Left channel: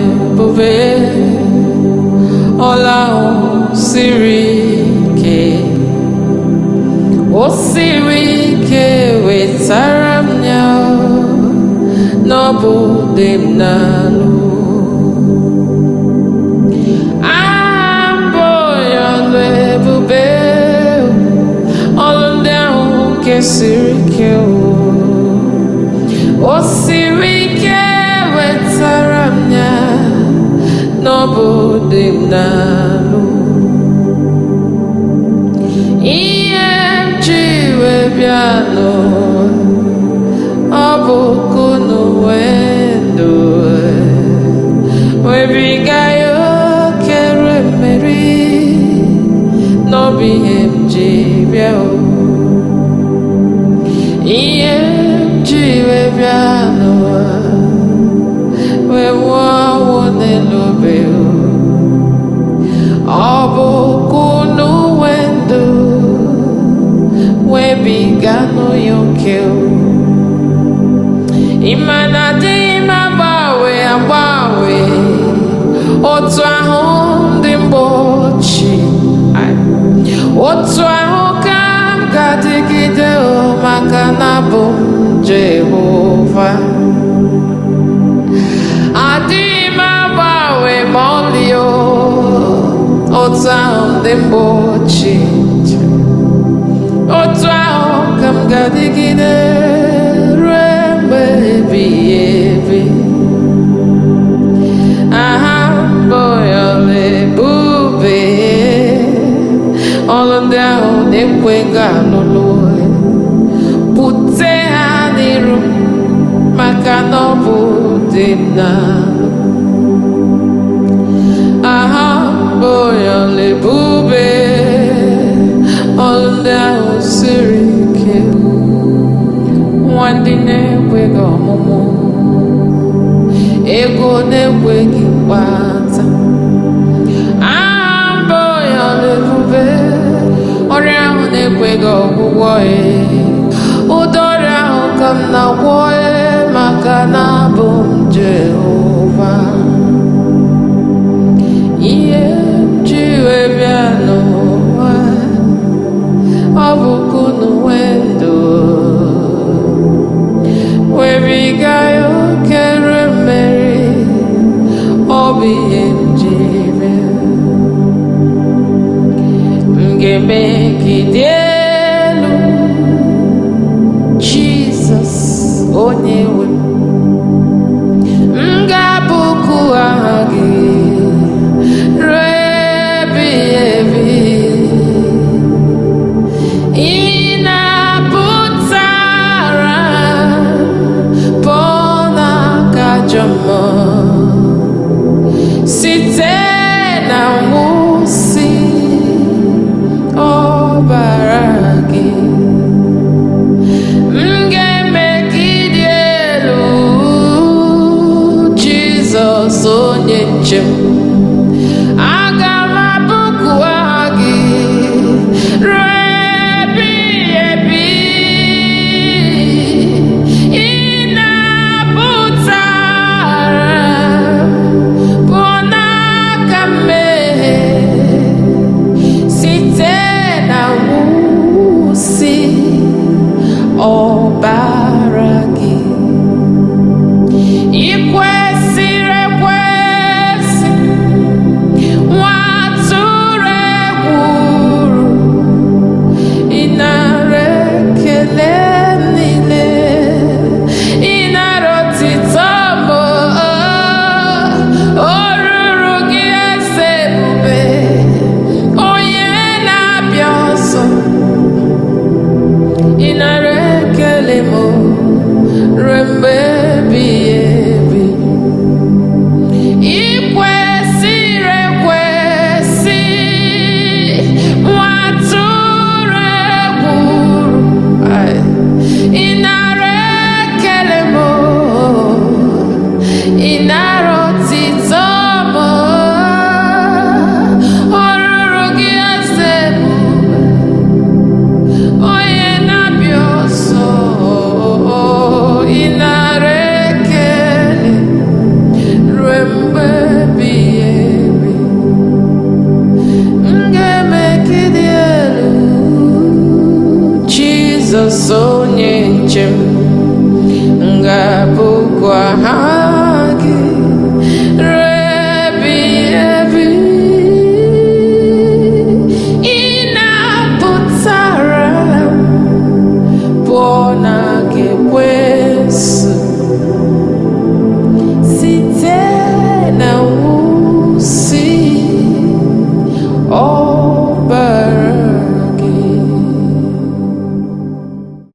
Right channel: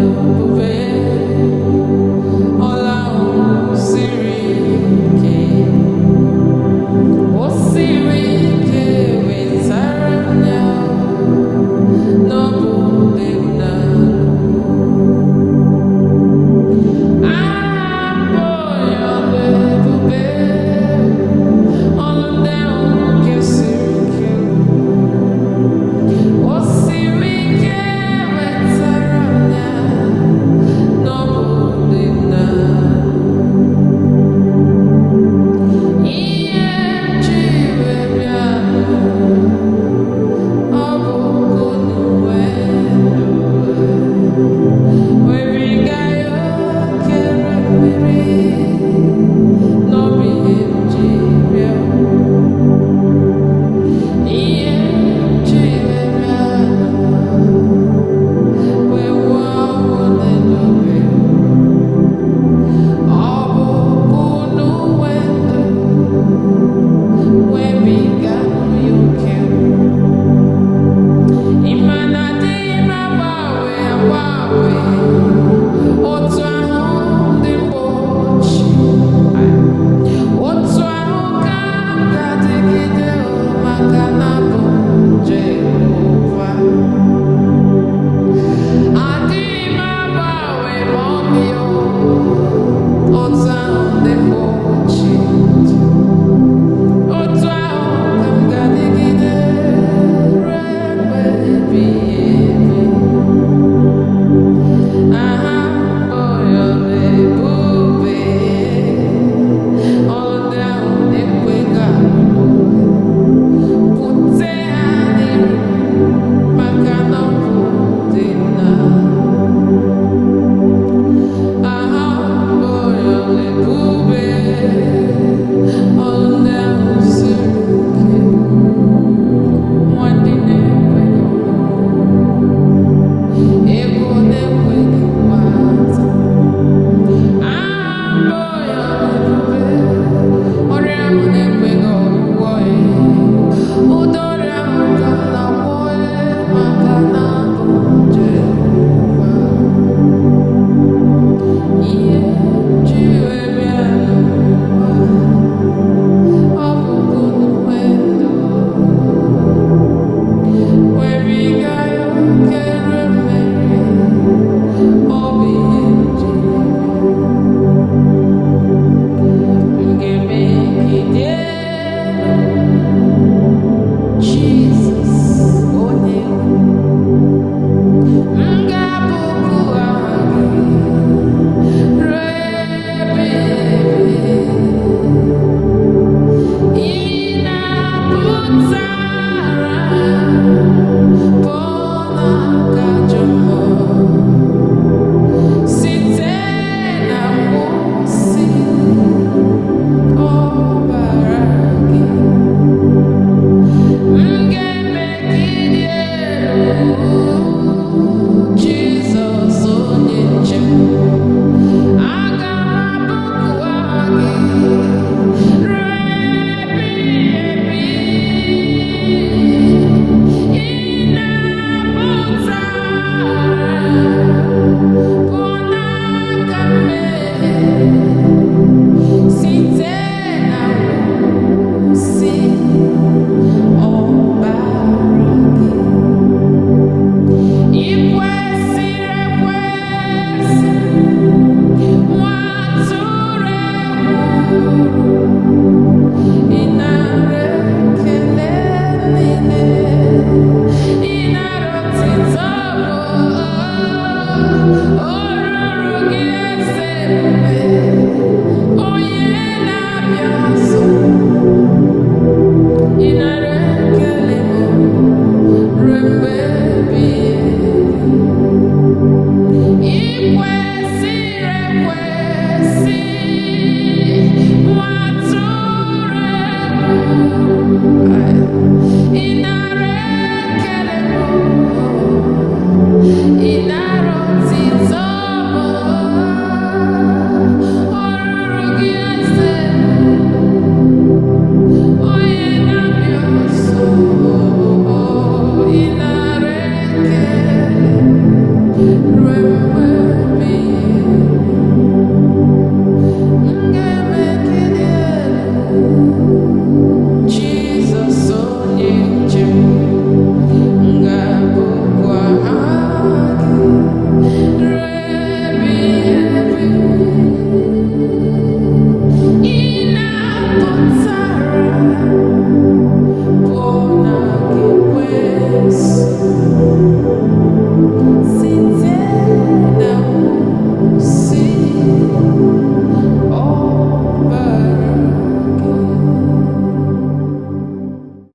ebube ọla siri ike o siri ike wetara m ya n'ọbụ dị m n'alụ abụ ya ọlụ ebube ọlụ ndị ahụ nke siri ike o siri ike wetara m ya n'ọbụ dị m n'alụ ihe m ji wee bịa n'ụwa ọ bụ kunu wee ndụ webiga ya okere mmeri n'ọbụ ihe m ji bịa ihe m ji wee bịa n'ụwa wee nwụọ ọnwụ n'elu obe ọ bụ kunu wee ndụ webiga n'oya oke ịma na adịghị m agbanwe agbanwe otu ahụ ndị mgbe ochie otu ahụ ka m ga-adịgide maka na bụ m Jehova adịghị m agbanwe ma ọlị otu ahụ ndị mgbe ochie otu ahụ ka m ga-adịgide ruo mgbe ebighị ebi aha mbụ ya ọla ebube ọlụ ndị ahụ na-ekwe ga-alụlụ bute ha n'iru maka na ọ bụ dị m n'alụ aha mbụ ya ọla ebube ọlụ ndị ahụ siri ike nwa ndị na-ekweghị ọmụmụ ego na-ekwe